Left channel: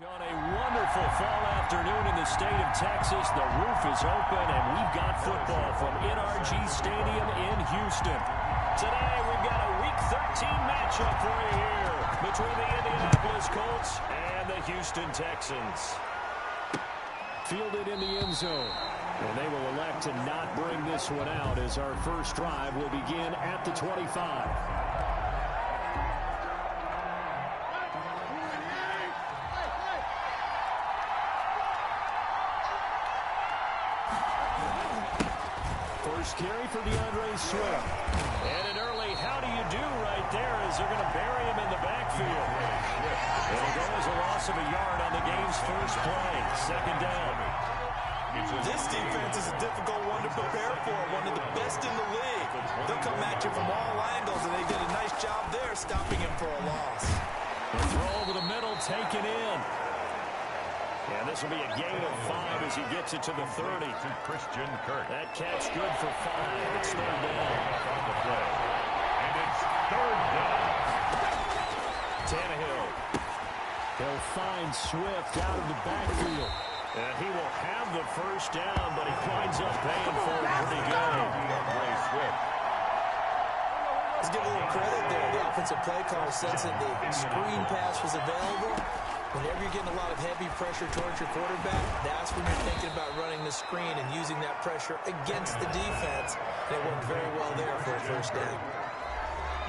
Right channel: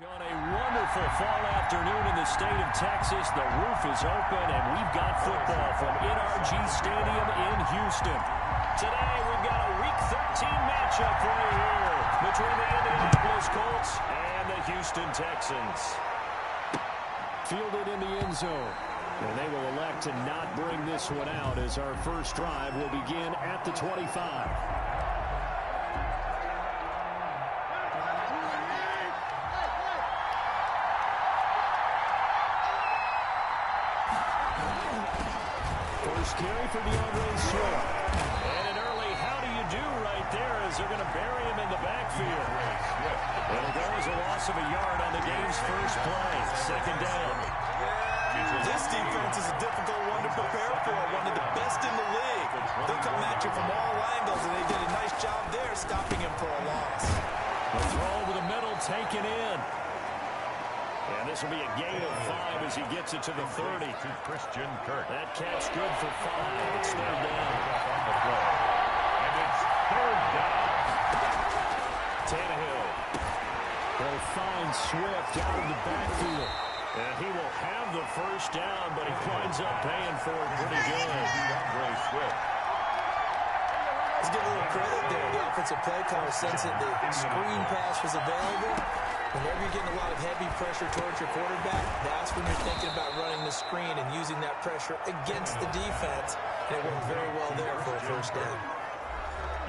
On a wonderful fall afternoon in the state of Texas, the roof is open, and we've got football from NRG Stadium in Houston. Today, we've got a Week 13 matchup for you here between the Indianapolis Colts and the Houston Texans. Fielded in the end zone, and they will elect to not bring this one out as our first drive will begin at the 25. First carry for DeAndre Swift. And an early how do you do right there as they're going to bury him in the backfield. It'll go as a loss of a yard on the game's first play. Second down. This defense is a difficult one to prepare for, one of the best in the league. They'll come at you from all angles, and they did a nice job there stopping him for a loss. A throw over the middle taken in. And this will be a gain of 5 as he gets it to the 30. To Christian Kirk. That catch good for 5. It's third down. On the play. And it's third down. Tannehill. He'll find Swift out of the backfield. And he will have the first down, but he winds up paying for it pretty good. Ray Swift. Let's give a little credit there. The offensive play caller sensed that the screen pass was available. Whenever you're getting a lot of heavy pressure towards your quarterback, that's when you're thinking about running the screen and using that pressure against the defense. And it worked very well there for a first down.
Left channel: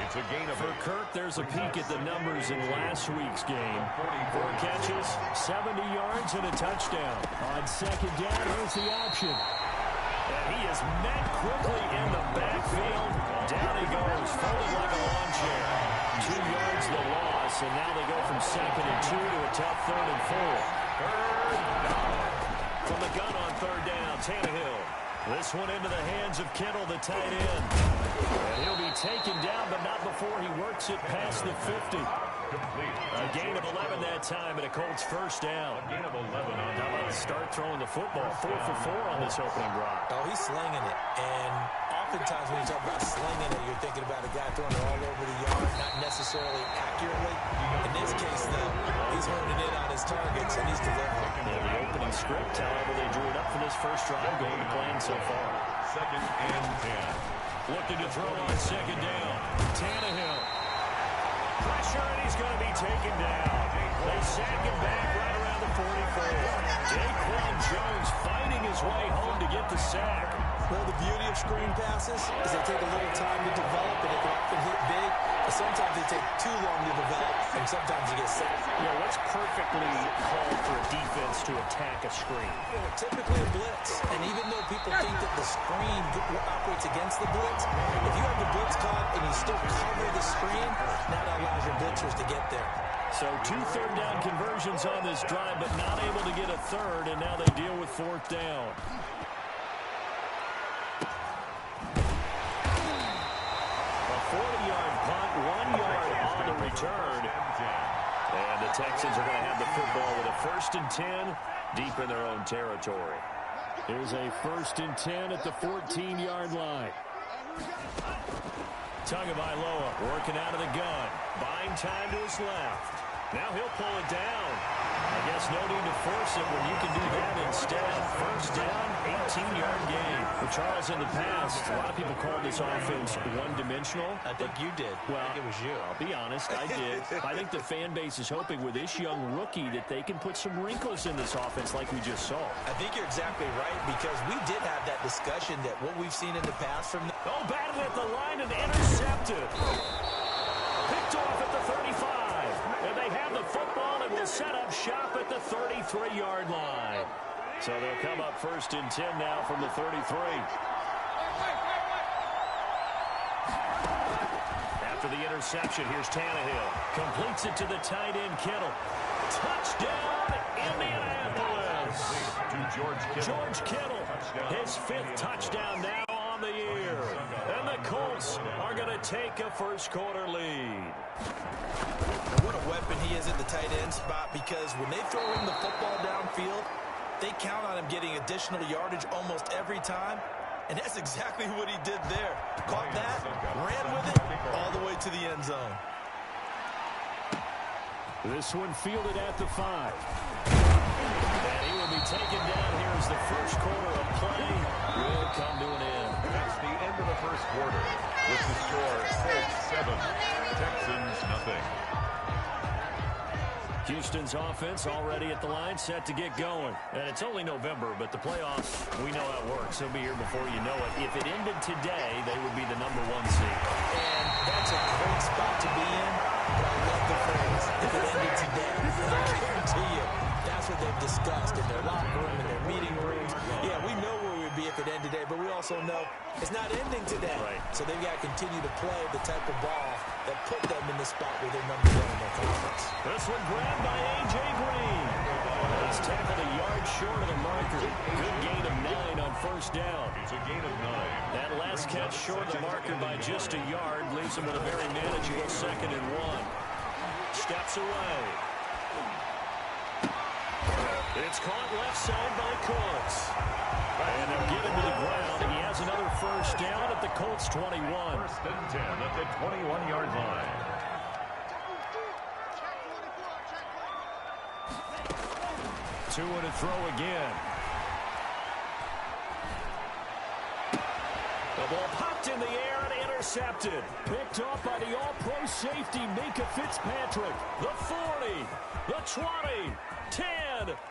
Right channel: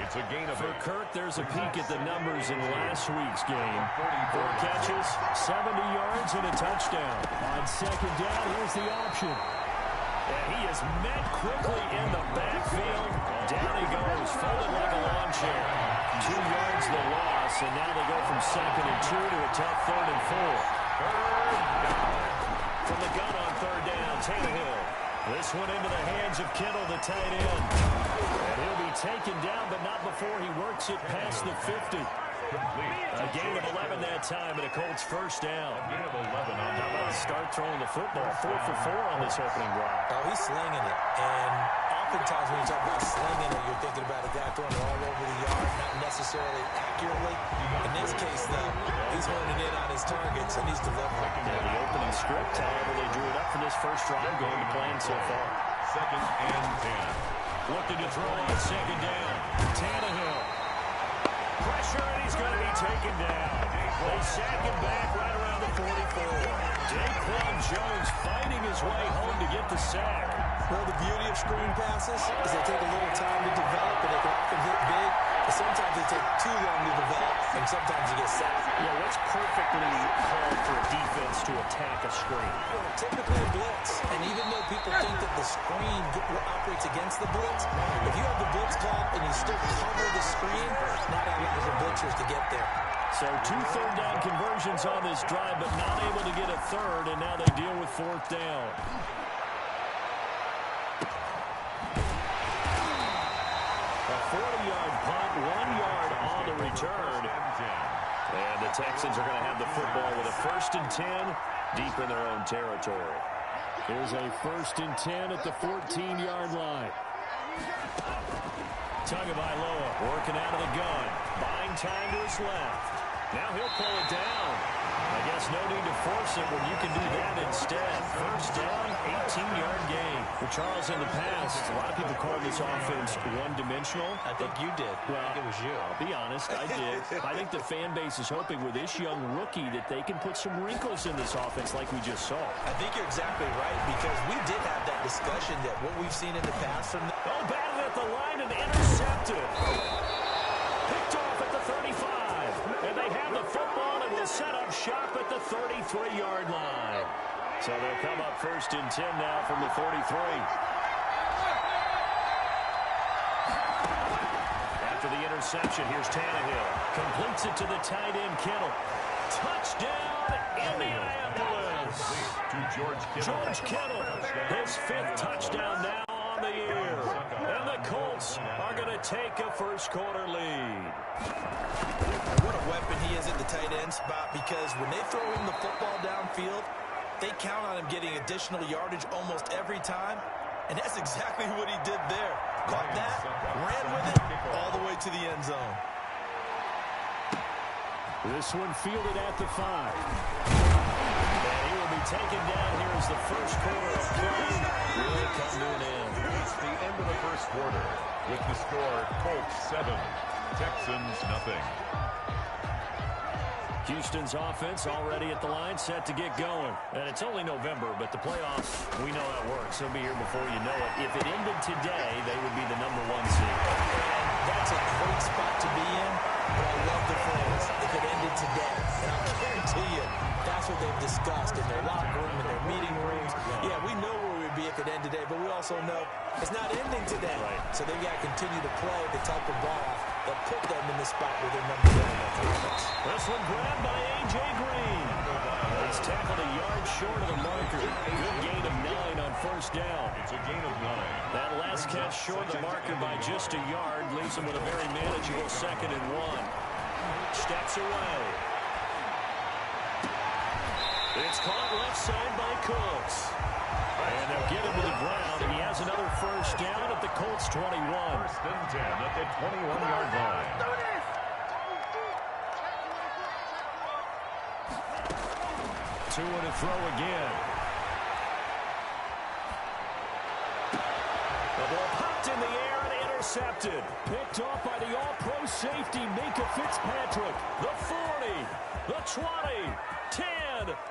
It's a gain of For Kirk, there's a peek at the numbers in last week's game. 4 catches, 70 yards, and a touchdown. On second down, here's the option. And he is met quickly in the backfield. Down he goes, folded like a lawn chair. 2 yards the loss, and now they go from 2nd and 2 to a tough 3rd and 4. third down. From the gun on 3rd down, Tannehill. This one into the hands of Kittle, the tight end. And he'll be taken down, but not before he works it past the 50. Complete. A gain of 11 that time, and a Colts first down. A gain of 11 on How about start throwing the football? 4 for 4 on this opening drive. Oh, he's slinging it. And oftentimes when you talk about slinging it, you're thinking about a guy throwing it all over the yard, not necessarily accurately. In this case, though, he's honing in on his targets, and he's delivering. Yeah, the opening script, however, they drew it up for this first drive, going to plan so far. 2nd and 10. Looking to throw on 2nd down. Tannehill. Pressure, and he's going to be taken down. They sack him back right around the 44. Daquan Jones fighting his way home to get the sack. Well, the beauty of screen passes is they take a little time to develop, and they can often hit big, but sometimes they take too long to develop, and sometimes you get sacked. Yeah, what's perfectly called for a defense to attack a screen? Typically a blitz, and even though people think that the screen operates against the blitz, if you have the blitz called and you still cover the screen, that allows your blitzers to get there. So 2 third down conversions on this drive, but not able to get a third, and now they deal with 4th down. A 40-yard punt, 1 yard on the return. And the Texans are going to have the football with a 1st and 10 deep in their own territory. Here's a 1st and 10 at the 14-yard line. Tagovailoa working out of the gun. Buying time to his left. Now he'll pull it down. I guess no need to force it when you can do that instead. First down, 18-yard gain. Well, Charles, in the past, a lot of people called this offense one-dimensional. I think you did. Well, I think it was you. I'll be honest, I did. I think the fan base is hoping with this young rookie that they can put some wrinkles in this offense like we just saw. I think you're exactly right, because we did have that discussion that what we've seen in the past from the... Oh, batted at the line and intercepted. Picked off at the 35. And they have the football and will set up shop at the 33-yard line. So they'll come up 1st and 10 now from the 33. After the interception, here's Tannehill. Completes it to the tight end, Kittle. Touchdown, Indianapolis. To George Kittle. George Kittle, his 5th touchdown now on the year. And the Colts are going to take a first-quarter lead. What a weapon he is at the tight end spot, because when they throw him the football downfield, they count on him getting additional yardage almost every time. And that's exactly what he did there. Caught that, ran with it, all the way to the end zone. This one fielded at the 5. And he will be taken down here as the first quarter of play will come to an end. That's the end of the first quarter with the score Colts 7, Texans nothing. Houston's offense already at the line, set to get going. And it's only November, but the playoffs, we know how it works. They'll be here before you know it. If it ended today, they would be the #1 seed. And that's a great spot to be in, but I love the phrase, if it ended today. And I guarantee you, that's what they've discussed in their locker room, in their meeting rooms. Yeah, we know where we'd be if it ended today, but we also know it's not ending today. Right. So they've got to continue to play the type of ball that put them in the spot where they're #1 in their conference. This one grabbed by A.J. Green. He's tackled a yard short of the marker. Good gain of 9 on first down. It's a gain of 9. That last catch short of the marker by just a yard leaves him with a very manageable 2nd and 1. Steps away. It's caught left side by Cooks. And they'll get him to the ground. He has another first down at the Colts 21. First and 10 at the 21-yard line. Two and a throw again. The ball popped in the air and intercepted. Picked off by the all-pro safety, Minka Fitzpatrick. The 40, the 20, 10,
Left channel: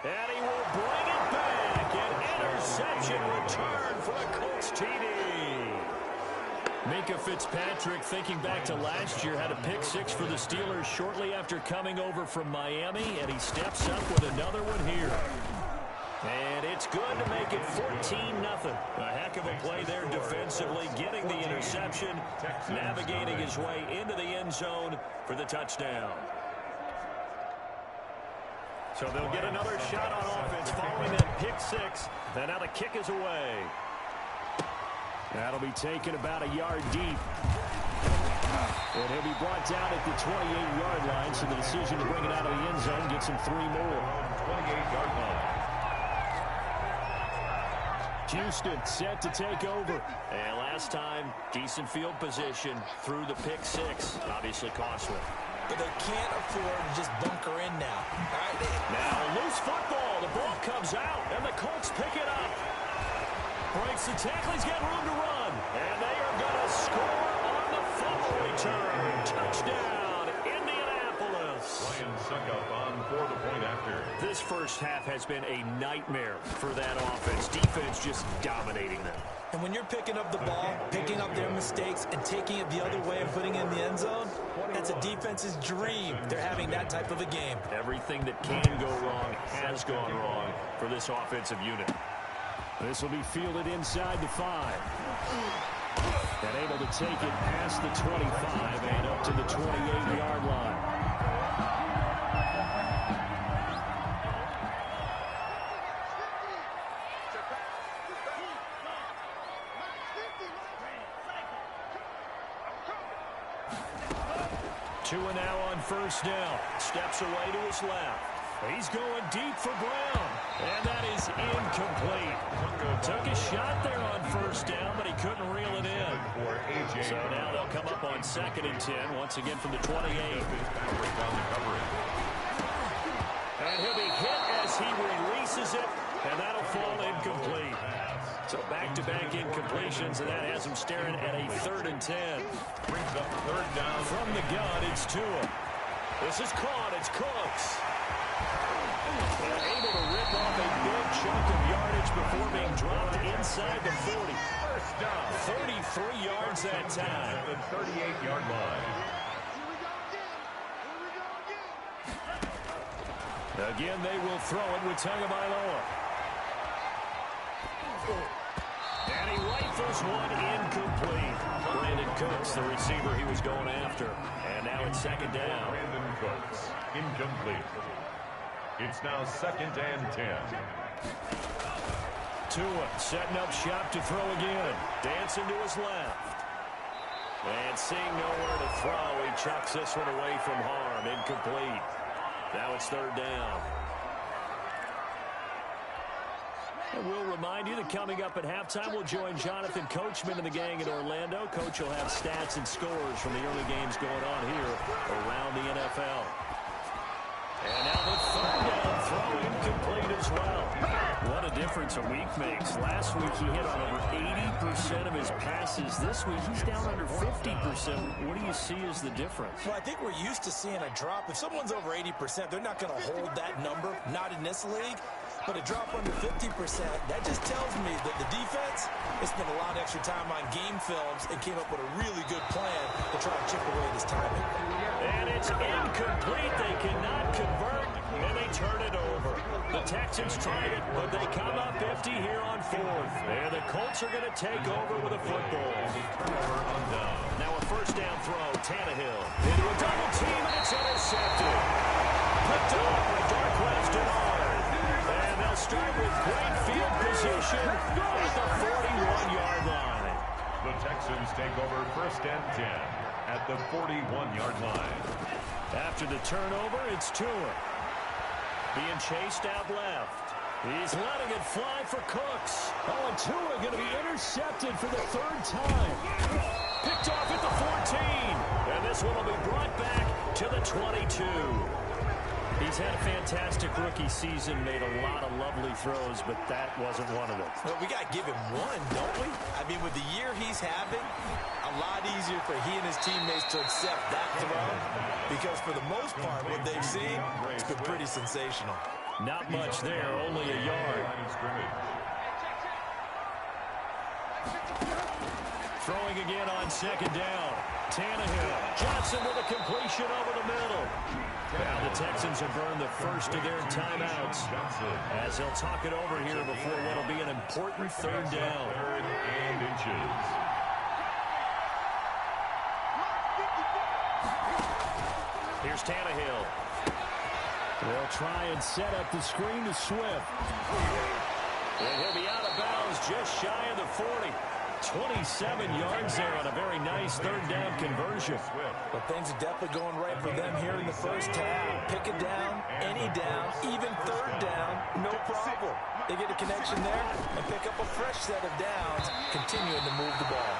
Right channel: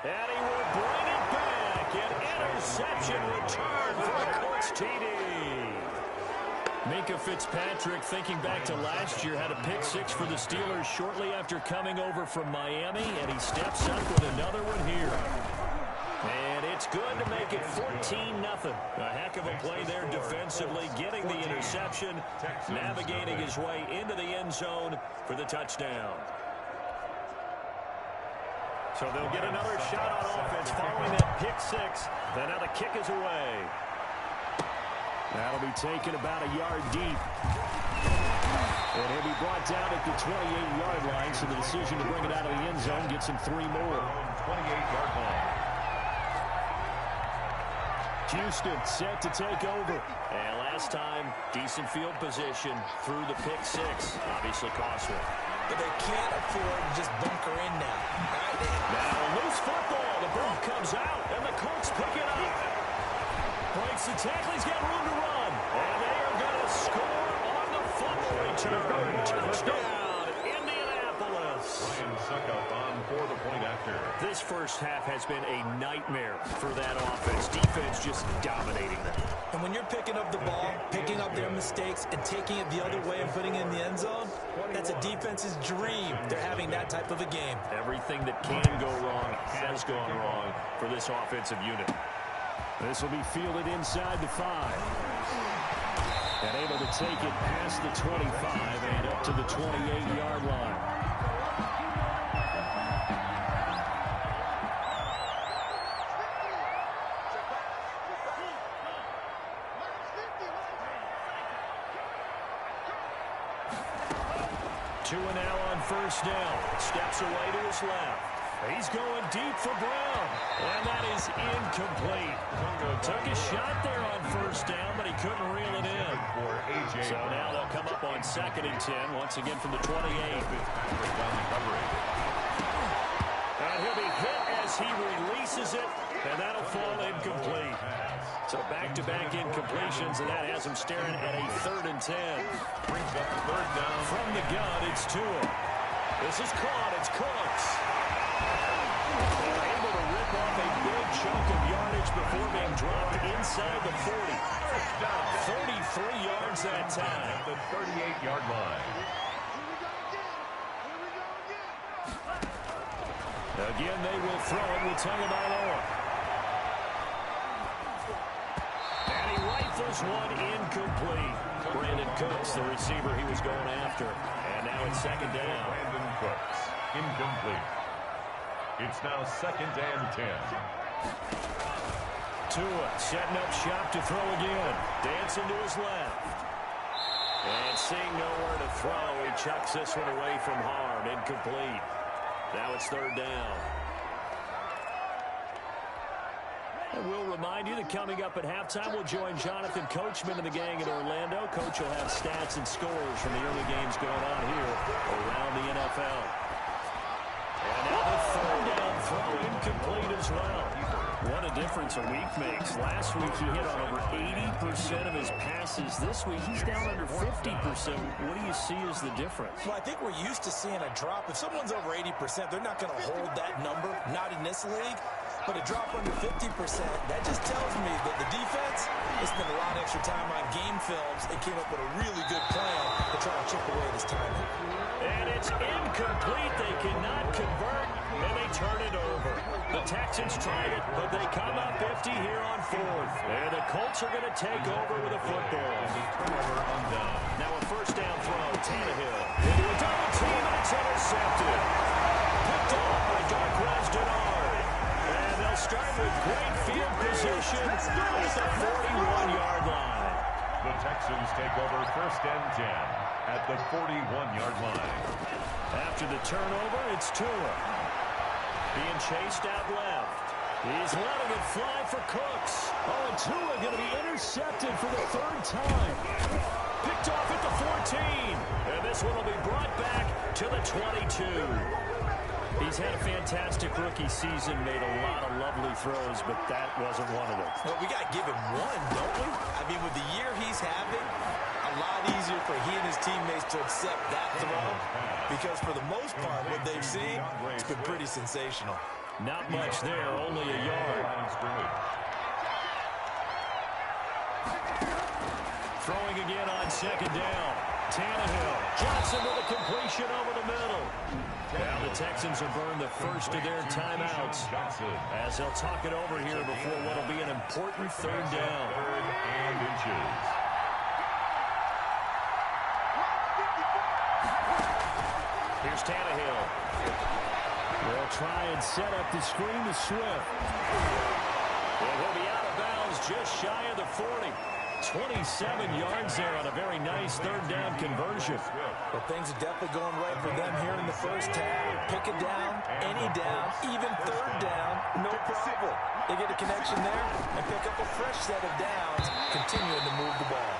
and he will bring it back. An interception return for a Colts TD. Minka Fitzpatrick, thinking back to last year, had a pick 6 for the Steelers shortly after coming over from Miami, and he steps up with another one here. And it's good to make it 14-0. A heck of a play there defensively, getting the interception, navigating his way into the end zone for the touchdown. So they'll get another shot on offense following that pick 6. And now the kick is away. That'll be taken about a yard deep. And he'll be brought down at the 28-yard line, so the decision to bring it out of the end zone gets him 3 more. 28-yard line. Houston set to take over. And last time, decent field position through the pick 6. Obviously cost one. But they can't afford to just bunker in now. All right, now a loose football. The ball comes out, and the Colts pick it up. Breaks the tackle. He's got room to run. And they are going to score on the fumble return. Touchdown, Indianapolis. Ryan Suckup on for the point after. This first half has been a nightmare for that offense. Defense just dominating them. And when you're picking up the ball, picking up their mistakes, and taking it the other way and putting it in the end zone, that's a defense's dream. They're having that type of a game. Everything that can go wrong has gone wrong for this offensive unit. This will be fielded inside the 5. And able to take it past the 25 and up to the 28-yard line. Two and now on first down. Steps away to his left. He's going deep for Brown. And that is incomplete. Took a shot there on first down, but he couldn't reel it in. So now they'll come up on 2nd and 10, once again from the 28. And he'll be hit as he releases it, and that'll fall incomplete. So back-to-back incompletions, and that has him staring at a 3rd and 10. Brings up 3rd down. From the gun, it's Tua. This is caught. It's Cooks. And able to rip off a big chunk of yardage before being dropped inside the 40. First down. 33 yards that time. At the 38-yard line. Again, they will throw it with Tagovailoa. And he rifles one incomplete. Brandon Cooks, the receiver he was going after. And now it's 2nd down. Brandon Cooks, incomplete. It's now 2nd and 10. Tua setting up shop to throw again. Dancing to his left. And seeing nowhere to throw, he chucks this one away from harm. Incomplete. Now it's 3rd down. And we'll remind you that coming up at halftime, we'll join Jonathan Coachman and the gang in Orlando. Coach will have stats and scores from the early games going on here around the NFL. And now the third down throw incomplete as well. What a difference a week makes. Last week he hit on over 80% of his passes. This week he's down under 50%. What do you see as the difference? Well, I think we're used to seeing a drop. If someone's over 80%, they're not going to hold that number, not in this league. But a drop under 50%, that just tells me that the defense has spent a lot of extra time on game films and came up with a really good plan to try and chip away at his timing. And it's incomplete. They cannot convert, and they turn it over. The Texans tried it, but they come up empty here on fourth. And the Colts are going to take over with a football. Turnover on down. Now a first down throw. Tannehill into a double team, and it's intercepted. Picked off by Darquez Dennard. And they'll start with great field position at the 41-yard line. The Texans take over first and 10 at the 41-yard line. After the turnover, it's Tua. Being chased out left. He's letting it fly for Cooks. Oh, and Tua going to be intercepted for the third time. Picked off at the 14. And this one will be brought back to the 22. He's had a fantastic rookie season, made a lot of lovely throws, but that wasn't one of them. Well, we got to give him one, don't we? I mean, with the year he's having, a lot easier for he and his teammates to accept that throw because for the most part, what they've seen, it's been pretty sensational. Not much there, only a yard. Throwing again on second down. Tannehill. Johnson with a completion over the middle. Now the Texans have burned the first of their timeouts as they'll talk it over here before what will be an important third down. Third and inches. Here's Tannehill. They'll try and set up the screen to Swift. And he'll be out of bounds just shy of the 40. 27 yards there on a very nice third down conversion. Well, things are definitely going right for them here in the first half. Pick it down, any down, even third down, no problem. They get a connection there and pick up a fresh set of downs, continuing to move the ball.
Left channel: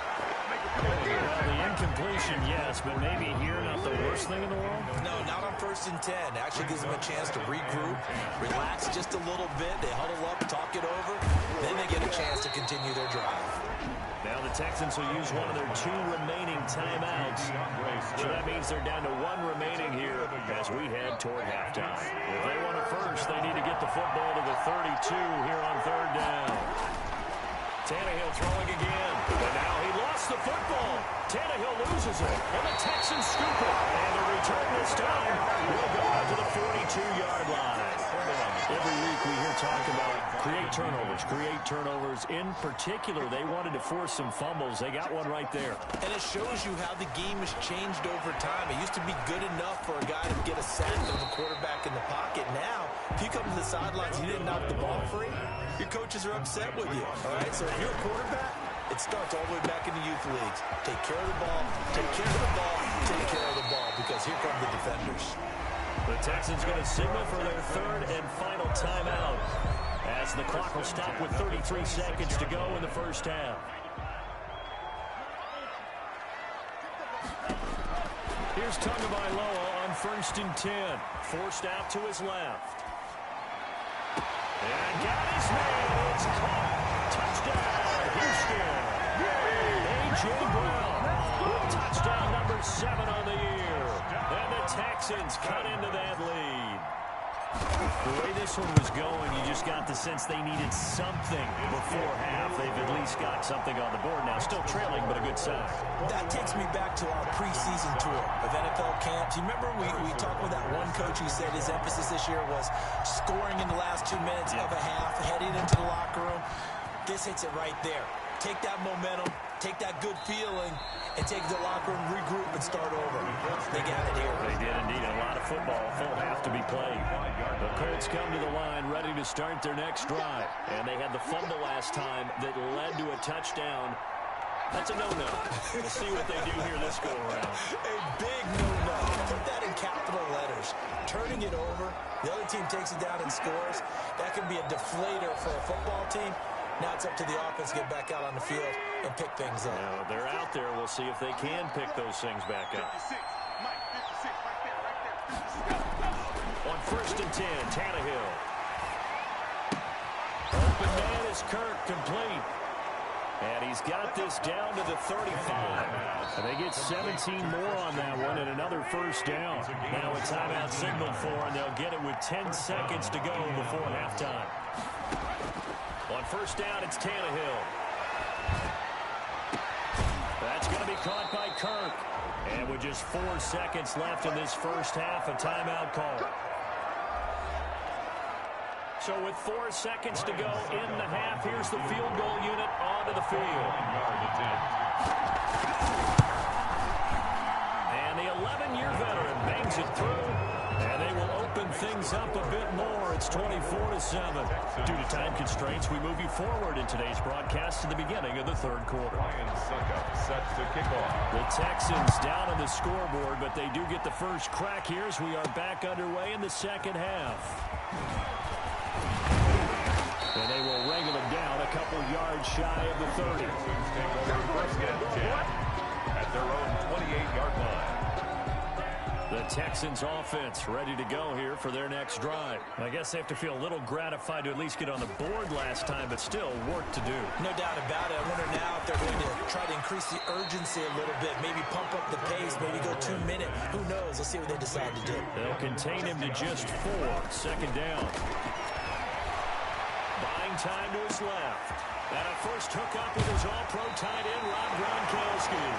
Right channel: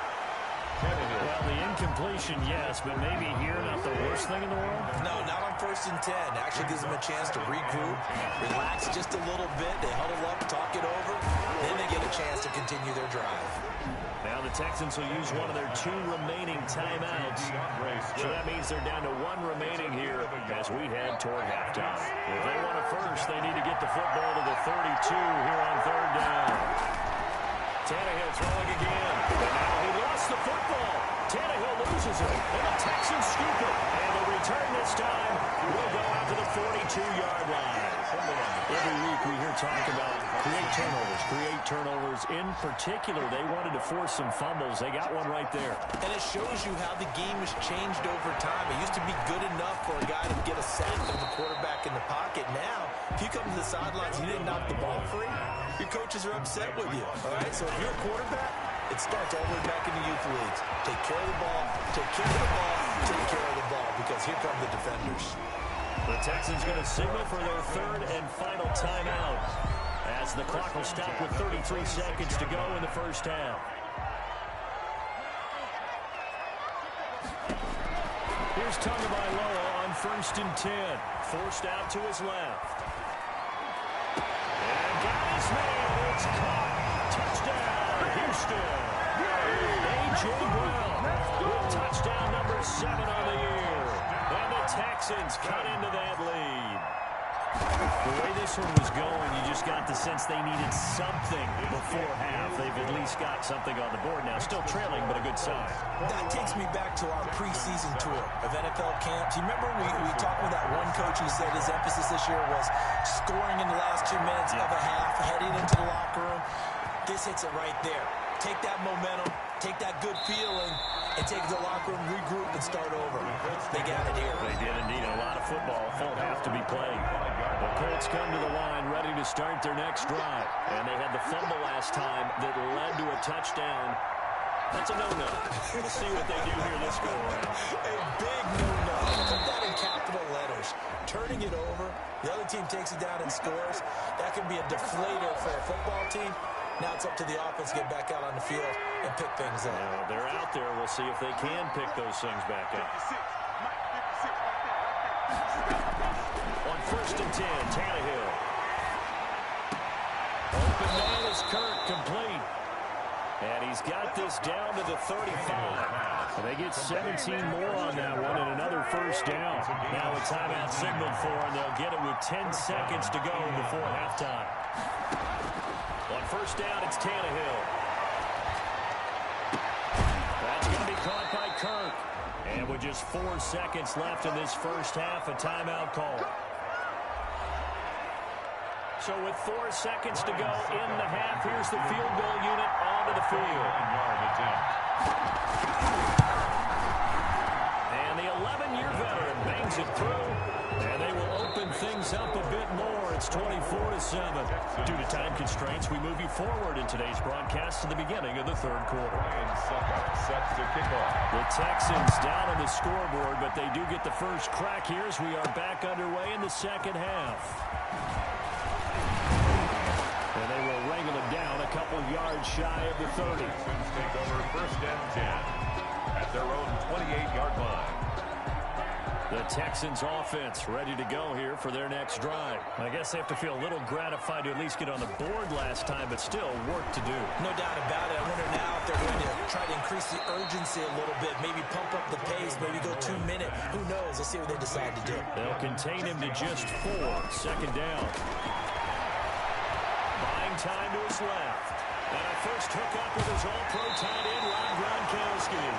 Well, the incompletion, yes, but maybe here not the worst thing in the world? No, not on 1st and 10. Actually gives them a chance to regroup, relax just a little bit. They huddle up, talk it over. Then they get a chance to continue their drive. Now the Texans will use one of their 2 remaining timeouts. So that means they're down to 1 remaining here as we head toward halftime. If they want a first, they need to get the football to the 32 here on third down. Tannehill throwing again. And now he lost the football. Tannehill loses it. And the Texans scoop it. And the return this time will go out to the 42-yard line. Every week we hear talk about create turnovers. In particular, they wanted to force some fumbles. They got one right there. And it shows you how the game has changed over time. It used to be good enough for a guy to get a sack of a quarterback in the pocket. Now, if you come to the sidelines and you didn't knock the ball free, your coaches are upset with you. All right, so if you're a quarterback, it starts all the way back in the youth leagues. Take care of the ball, take care of the ball, take care of the ball, because here come the defenders. The Texans going to signal for their third and final timeout as the clock will stop with 33 seconds to go in the first half. Here's Tagovailoa on 1st and 10. Forced out to his left. And got his man. It's caught. Touchdown, Houston. A.J. Brown with touchdown number 7 on the year. And the Texans cut into that lead. The way this one was going, you just got the sense they needed something before half. They've at least got something on the board now. Still trailing, but a good sign. That takes me back to our preseason tour of NFL camps. You remember we talked with that one coach who said his emphasis this year was scoring in the last 2 minutes of a half, heading into the locker room. This hits it right there. Take that momentum, take that good feeling, and take it to the locker room, regroup, and start over. They got it here. They did indeed. A lot of football, full half to be played. The Colts come to the line ready to start their next drive. And they had the fumble last time that led to a touchdown. That's a no-no. We'll see what they do here this go-around. A big no-no. Put that in capital letters. Turning it over, the other team takes it down and scores. That could be a deflator for a football team. Now it's up to the offense to get back out on the field and pick things up. Now, they're out there. We'll see if they can pick those things back up. On 1st and 10, Tannehill. Open man is Kirk, complete. And he's got this down to the 35. And they get 17 more on that one and another first down. Now a timeout signaled for, and they'll get it with 10 seconds to go before halftime. On 1st down, it's Tannehill. That's going to be caught by Kirk. And with just 4 seconds left in this first half, a timeout call. So with 4 seconds to go in the half, here's the field goal unit onto the field. And the 11-year veteran bangs it through, and they will open things up a bit more. It's 24-7. Due to time constraints, we move you forward in today's broadcast to the beginning of the third quarter. Sets to kick off. The Texans down on the scoreboard, but they do get the first crack here as we are back underway in the second half. And they will wrangle it down a couple yards shy of the 30. Texans take over 1st and 10 at their own 28-yard line. The Texans offense ready to go here for their next drive. I guess they have to feel a little gratified to at least get on the board last time, but still work to do. No doubt about it. I wonder now if they're going to try to increase the urgency a little bit, maybe pump up the pace, maybe go 2 minutes. Who knows? Let's see what they decide to do. They'll contain him to just 4. 2nd down. Buying time to his left. And a first hookup with his all-pro tight end, Rob Gronkowski.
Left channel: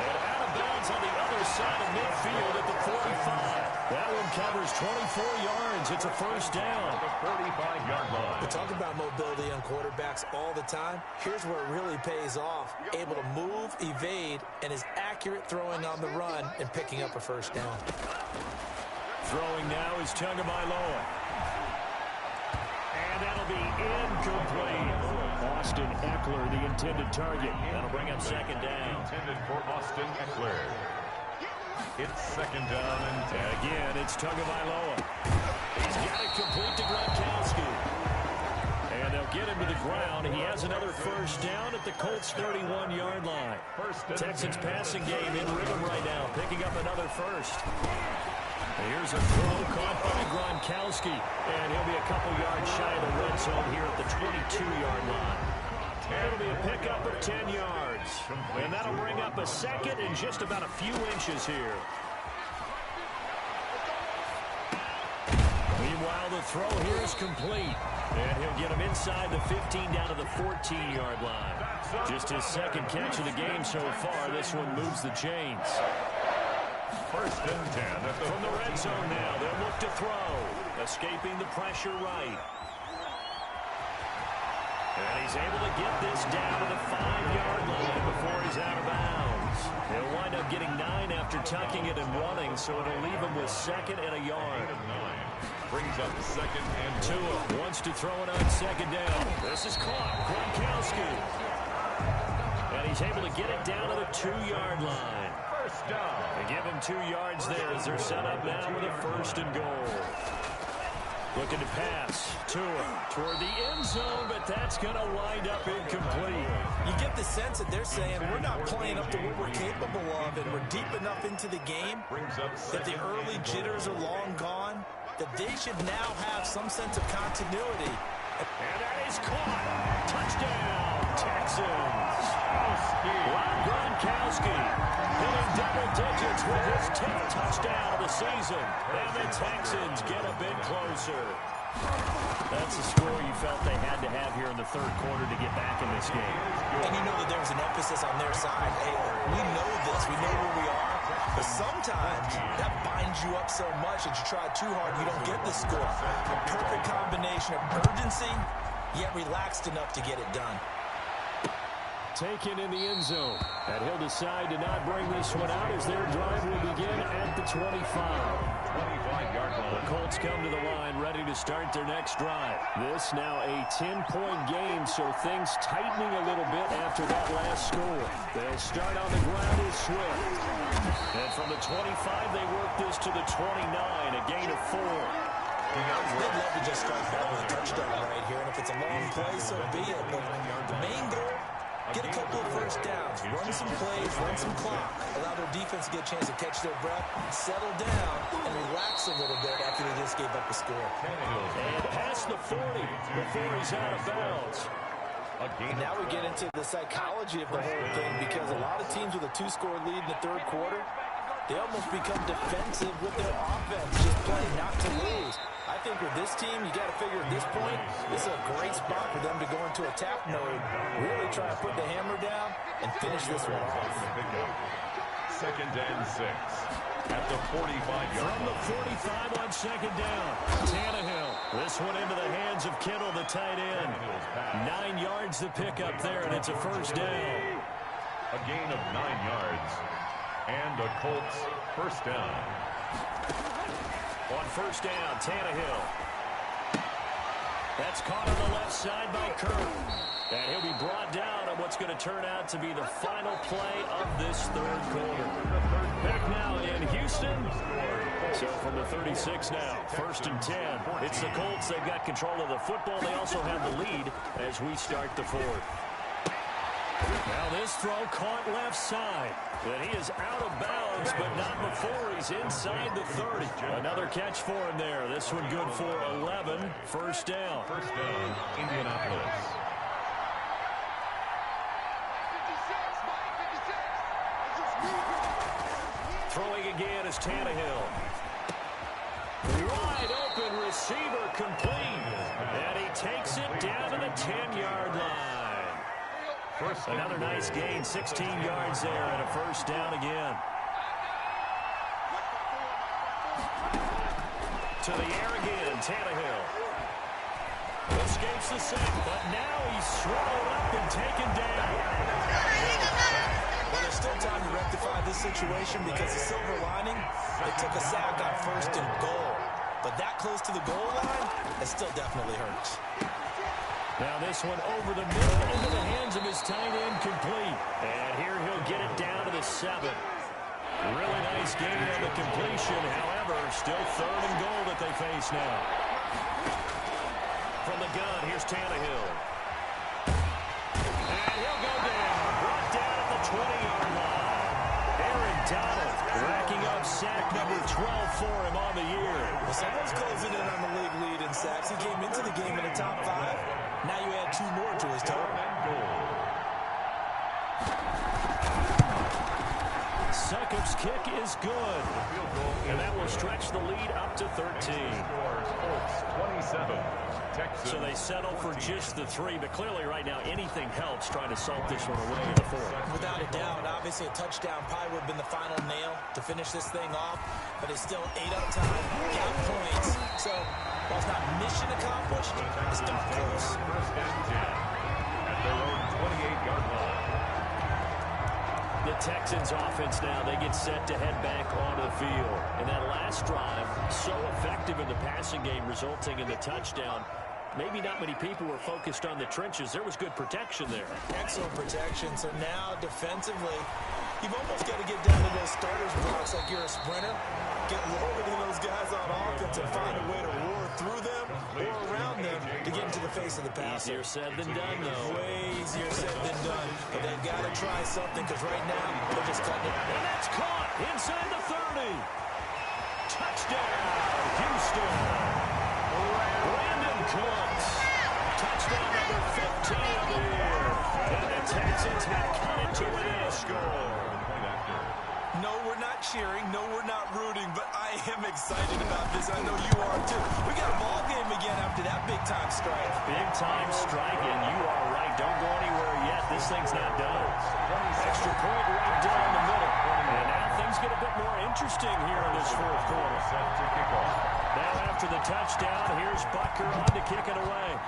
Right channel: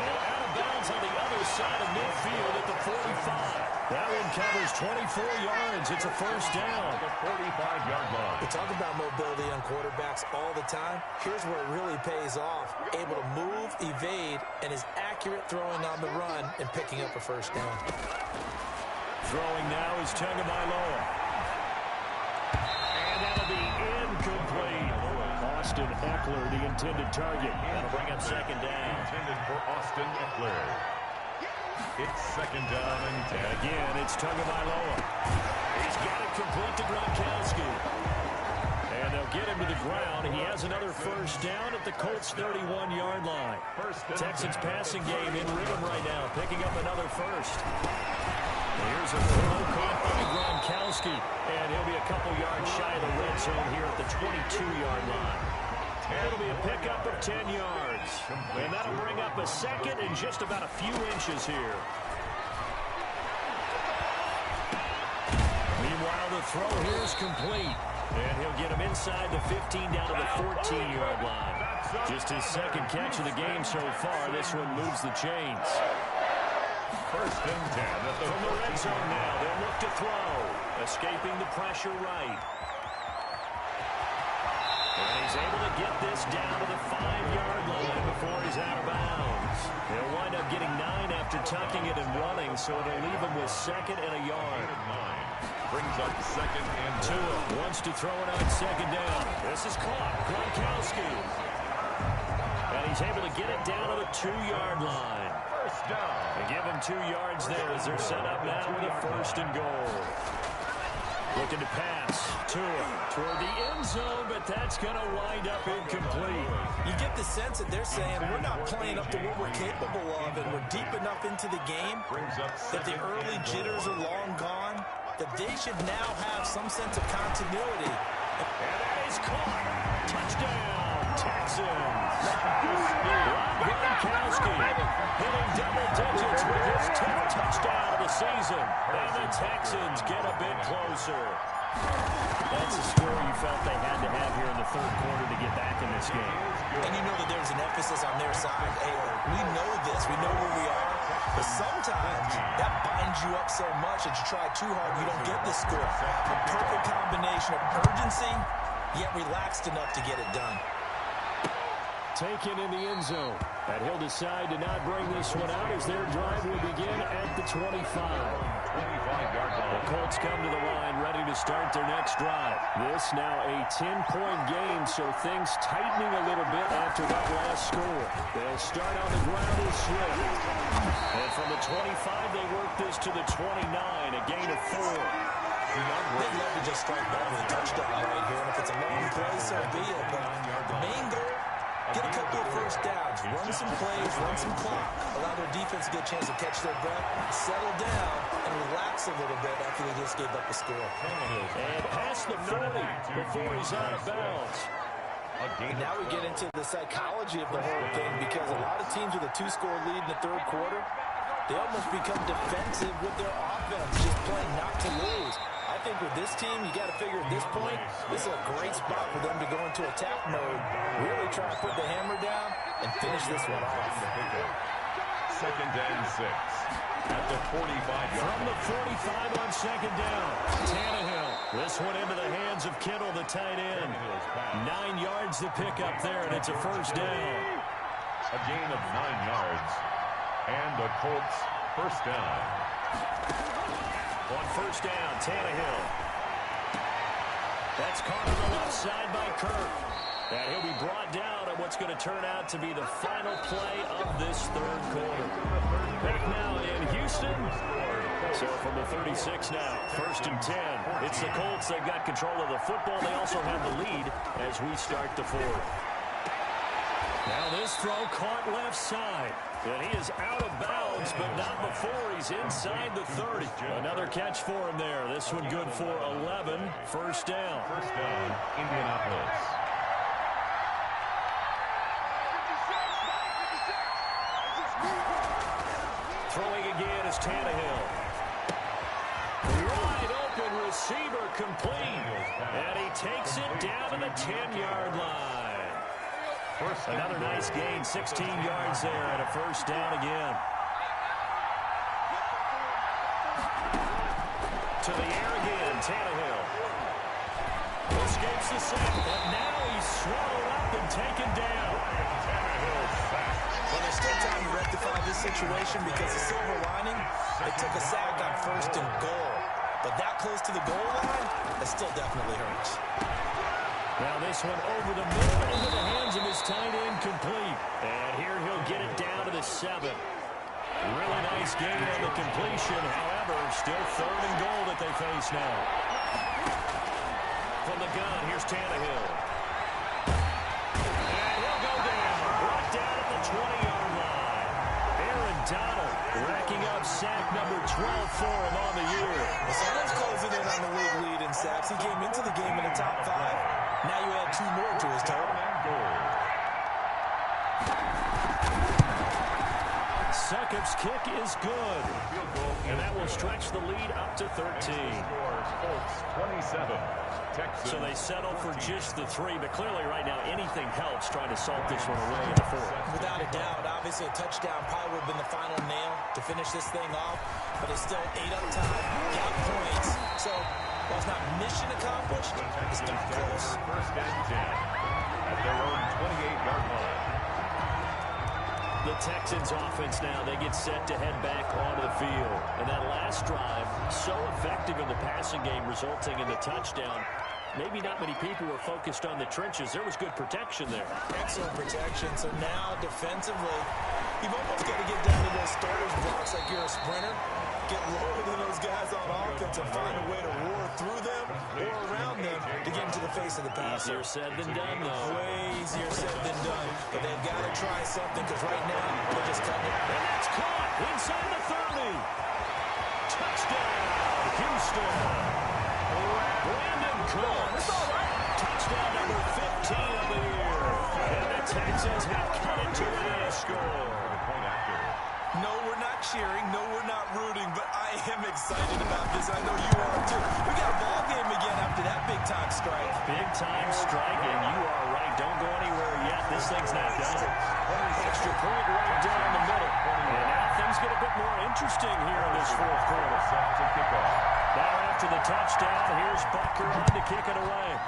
And out of bounds on the other side of midfield at the 45. That one covers 24 yards. It's a first down. The 45-yard line. We talk about mobility on quarterbacks all the time. Here's where it really pays off. Able to move, evade, and is accurate throwing on the run and picking up a first down. Throwing now is Tagovailoa. And that'll be incomplete. Austin Eckler, the intended target. That'll bring up 2nd down. Intended for Austin Eckler. It's 2nd down and 10. And again, it's Tagovailoa. He's got it complete to Gronkowski. And they'll get him to the ground. He has another first down at the Colts' 31-yard line. Texans passing game in rhythm right now, picking up another first. Here's a throw caught by Gronkowski, and he'll be a couple yards shy of the red zone here at the 22-yard line. It'll be a pickup of 10 yards, and that'll bring up a second and just about a few inches here. Meanwhile, the throw here is complete, and he'll get him inside the 15 down to the 14-yard line. Just his 2nd catch of the game so far. This one moves the chains. 1st and 10 at the From the red zone now, they'll look to throw. Escaping the pressure right. And he's able to get this down to the 5-yard line before he's out of bounds. He'll wind up getting 9 after tucking it and running, so it'll leave him with 2nd and a yard. 9. Brings up 2nd and 2. Tua wants to throw it on 2nd down. This is caught. Gronkowski. And he's able to get it down to the 2-yard line. First down. They give him 2 yards there as they're set up now with a 1st and goal. Looking to pass. Tua toward the end zone, but that's going to wind up incomplete. You get the sense that they're saying we're not playing up to what we're capable of, and we're deep enough into the game that the early jitters are long gone, that they should now have some sense of continuity. And that is caught. Touchdown, Texans. Rob Gronkowski hitting double digits with his 10th touchdown of the season. And the Texans get a bit closer. That's a score you felt they had to have here in the third quarter to get back in this game. And you know that there was an emphasis on their side. Hey, we know this. We know where we are. But sometimes that binds you up so much that you try too hard, you don't get the score. A perfect combination of urgency, yet relaxed enough to get it done. Taken in the end zone. And he'll decide to not bring this one out as their drive will begin at the 25. 25-yard line. The Colts come to the line ready to start their next drive. This now a 10-point game, so things tightening a little bit after that last score. They'll start on the ground with Swift. And from the 25, they work this to the 29, a gain of 4. They'd love to just strike back with a touchdown right here, and if it's a long play, so be it. But the main goal, get a couple of first downs, run some plays, run some clock, allow their defense to get a chance to catch their breath, settle down, and relax a little bit after they just gave up a score. And past the 40 before he's out of bounds. And now we get into the psychology of the whole thing, because a lot of teams with a 2-score lead in the third quarter, they almost become defensive with their offense, just playing not to lose. I think with this team, you got to figure at this point, this is a great spot for them to go into attack mode, really try to put the hammer down and finish this one off. 2nd and 6 at the 45-yard From the 45 on 2nd down, Tannehill. This one into the hands of Kittle, the tight end. 9 yards to pick up there, and it's a first down. A gain of 9 yards. And a Colts first down. On first down, Tannehill. That's caught on the left side by Kirk. And he'll be brought down on what's going to turn out to be the final play of this third quarter. Back now in Houston. So from the 36 now, 1st and 10. It's the Colts. They've got control of the football. They also have the lead as we start the fourth. Now this throw caught left side. And he is out of bounds, but not before he's inside the 30. Another catch for him there. This one good for 11. First down. First down, Indianapolis. Throwing again is Tannehill. Wide open receiver complete. And he takes it down to the 10-yard line. Another nice gain, 16 yards there, and a first down again. To the air again, Tannehill. Escapes the sack, but now he's swallowed up and taken down. Well, there's still time to rectify this situation, because the silver lining, they took a sack on 1st and goal. But that close to the goal line, it still definitely hurts. Now this one over the middle into the hands of his tight end, complete. And here he'll get it down to the 7. Really nice gain on the completion. However, still 3rd and goal that they face now. From the gun, here's Tannehill. And he'll go down. Brought down at the 20-yard line. Aaron Donald racking up sack number 12 for him on the year. Well, someone's closing in on the league lead in sacks. He came into the game in the top 5. Now you add 2 more to his total. Succop's kick is good. And that will stretch the lead up to 13. Colts 27. Texans. So they settle for just the 3, but clearly right now anything helps trying to salt this one away in the 4th. Without a doubt, obviously a touchdown probably would have been the final nail to finish this thing off, but it's still 8 up time, got points. So while it's not mission accomplished, it's darn close. 1st and 10 at their own 28-yard line. The Texans offense now, they get set to head back onto the field. And that last drive, so effective in the passing game, resulting in the touchdown. Maybe not many people were focused on the trenches. There was good protection there. Excellent protection. So now defensively, you've almost got to get down to those starters blocks like you're a sprinter. Get lower than those guys on offense and find a way to roar through them or around them to get into the face of the passer. Easier said than done, though. Way easier said than done. But they've got to try something, because right now they're just cutting it. And that's caught inside the 30. Touchdown, Houston. Brandon Cooks. Touchdown number 15 of the year. And the Texans have cut it to a score. Point after. No, we're not cheering. No, we're not rooting. But I am excited about this. I know you are, too. We got a ball game again after that big-time strike. Big-time strike, and you are right. Don't go anywhere yet. This thing's not done. Extra point right down the middle. And now things get a bit more interesting here in this 4th quarter. Set to kick off. Now after the touchdown, here's Butker on to kick it away.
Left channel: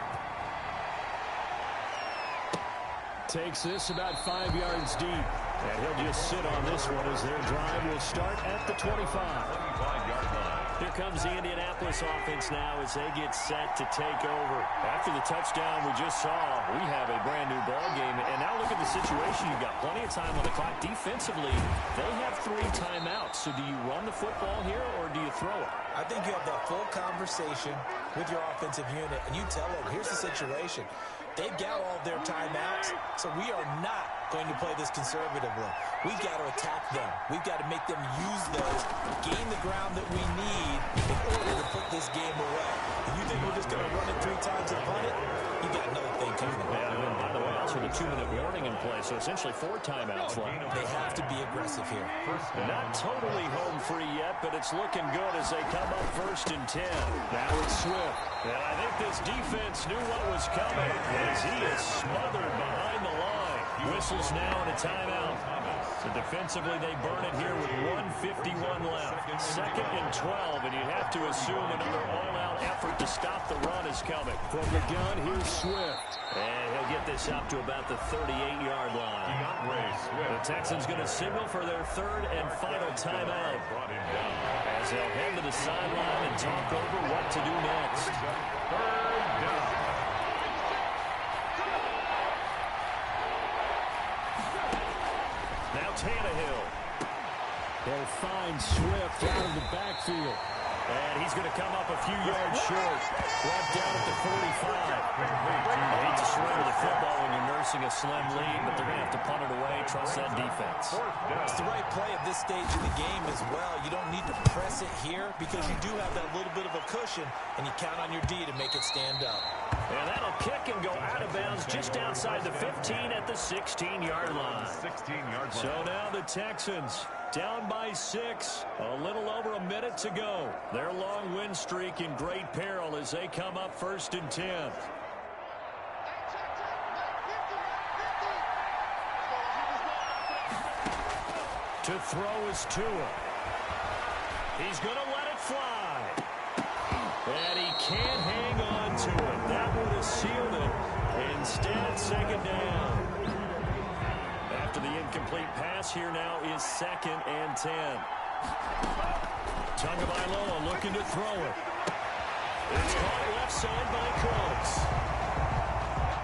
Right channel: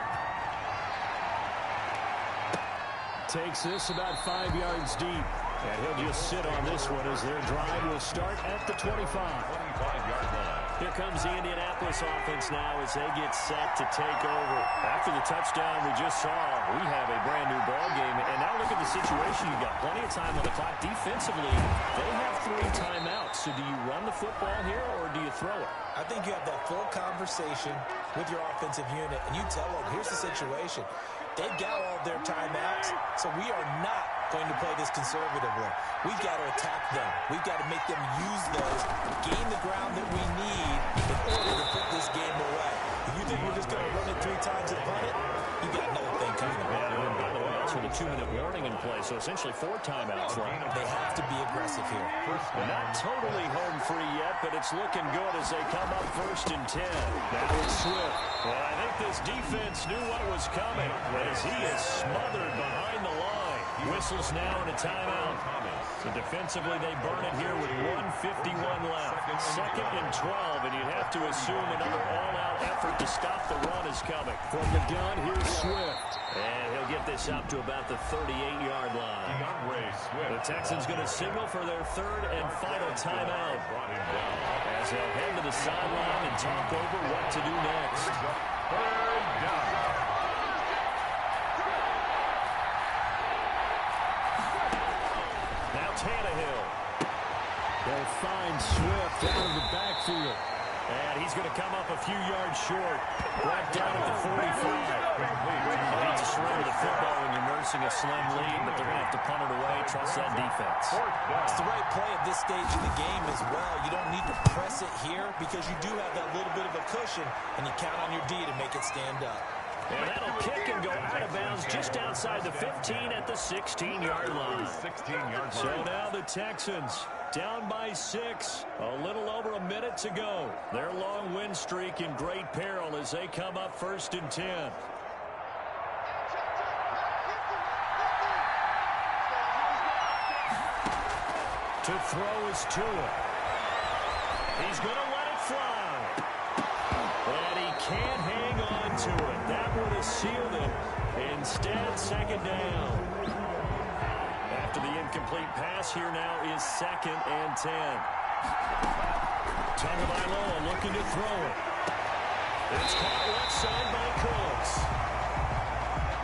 Takes this about 5 yards deep. And he'll just sit on this one as their drive will start at the 25. 25-yard line. Here comes the Indianapolis offense now as they get set to take over. After the touchdown we just saw, we have a brand new ball game. And now look at the situation. You've got plenty of time on the clock. Defensively, they have 3 timeouts. So do you run the football here or do you throw it? I think you have that full conversation with your offensive unit, and you tell them, here's the situation. They've got all of their timeouts, so we are not going to play this conservatively. We've got to attack them. We've got to make them use those, gain the ground that we need in order to put this game away. If you think we're just going to run it 3 times and punt it, you got another thing coming. Yeah, and by the way, also the 2-minute warning in play, so essentially 4 timeouts left. They have to be aggressive here. Not totally home free yet, but it's looking good as they come up 1st and 10. Now it's Swift. And I think this defense knew what was coming as he is smothered behind the line. Whistles now in a timeout. So defensively, they burn it here with 1:51 left. 2nd and 12, and you have to assume another all-out effort to stop the run is coming. From the gun, here's Swift. And he'll get this up to about the 38-yard line. The Texans going to signal for their 3rd and final timeout as they'll head to the sideline and talk over what to do next. 3rd down. Now Tannehill. He'll find Swift out of the backfield. And he's going to come up a few yards short. Brought down at the 45. I hate to surrender the football when you're nursing a slim lead, but they're going to have to punt it away. Trust that defense. It's the right play at this stage of the game as well. You don't need to press it here because you do have that little bit of a cushion, and you count on your D to make it stand up. And that'll kick and go out of bounds just outside the 15 at the 16-yard line. So now the Texans down by 6, a little over a minute to go. Their long win streak in great peril as they come up 1st and 10. To throw is Tua. He's going to let it fly. And he can't hang on to it. That would have sealed it. Instead, 2nd down. After the incomplete pass, here now is 2nd and 10. Tagovailoa looking to throw it. It's caught left side by Cooks.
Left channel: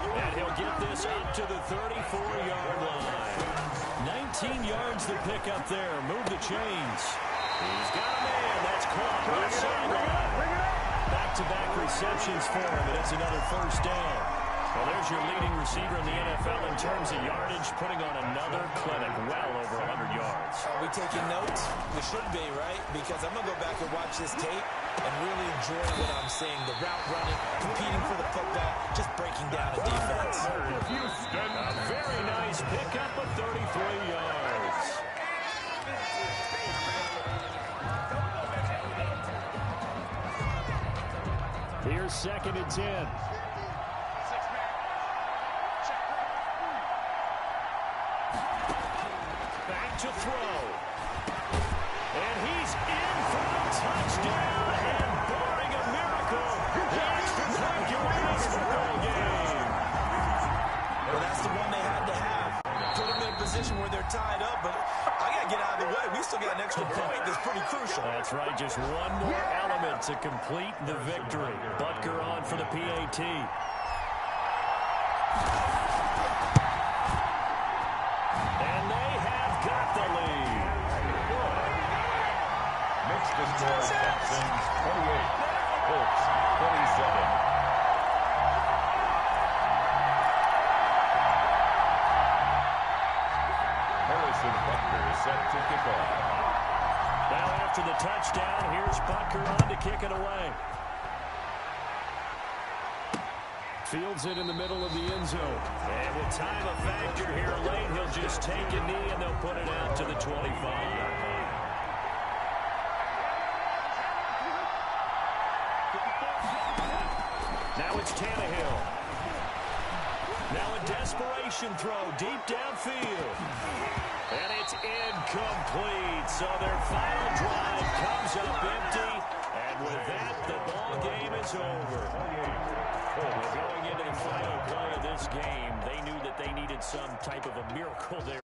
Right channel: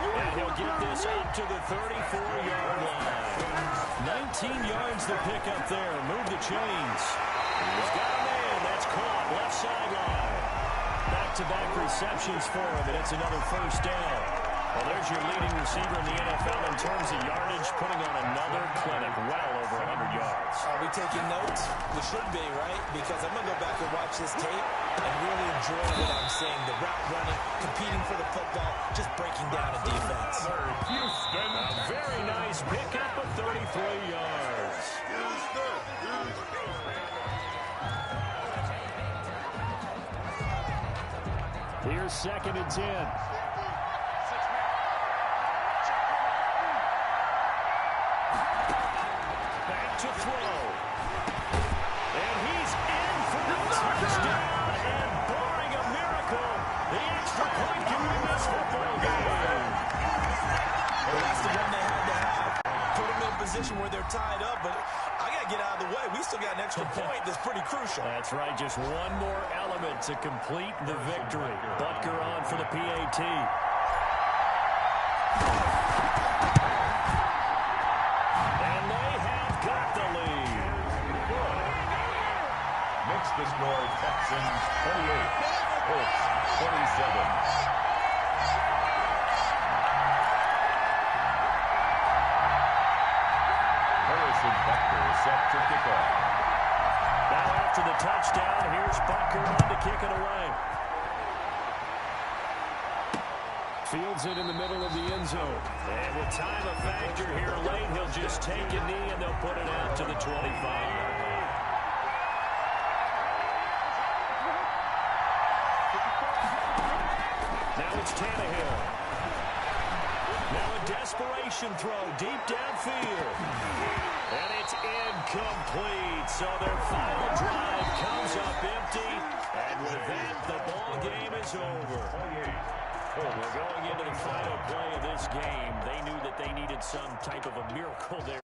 And he'll get this up to the 34-yard line. 19 yards to pick up there. Move the chains. He's got a man. That's caught left sideline. Back-to-back receptions for him, and it's another 1st down. Well, there's your leading receiver in the NFL in terms of yardage, putting on another clinic, well over 100 yards. Are we taking notes? We should be, right? Because I'm going to go back and watch this tape and really enjoy what I'm seeing. The route running, competing for the football, just breaking down a defense. Houston. A very nice pickup of 33 yards. Here's 2nd and 10. Back to throw. And he's in for the touchdown. And barring a miracle, the extra point can win this football game. Well, that's the one they had to have. Put them in a position where they're tied up, but I got to get out of the way. We still got an extra point that's pretty crucial. That's right. Just one more element to complete the victory. Butker on for the PAT. And they have got the lead. Makes the score Texans 28, Colts 27. Harrison Butker is set to kick off. Now after the touchdown, here's Butker on to kick it away. Fields it in the middle of the end zone. And with time a factor here late, he'll just take a knee and they'll put it out to the 25. Now it's Tannehill. Now a desperation throw deep downfield. And it's incomplete. So their final drive comes up empty. And with that, the ball game is over. Well, going into the final play of this game, they knew that they needed some type of a miracle there.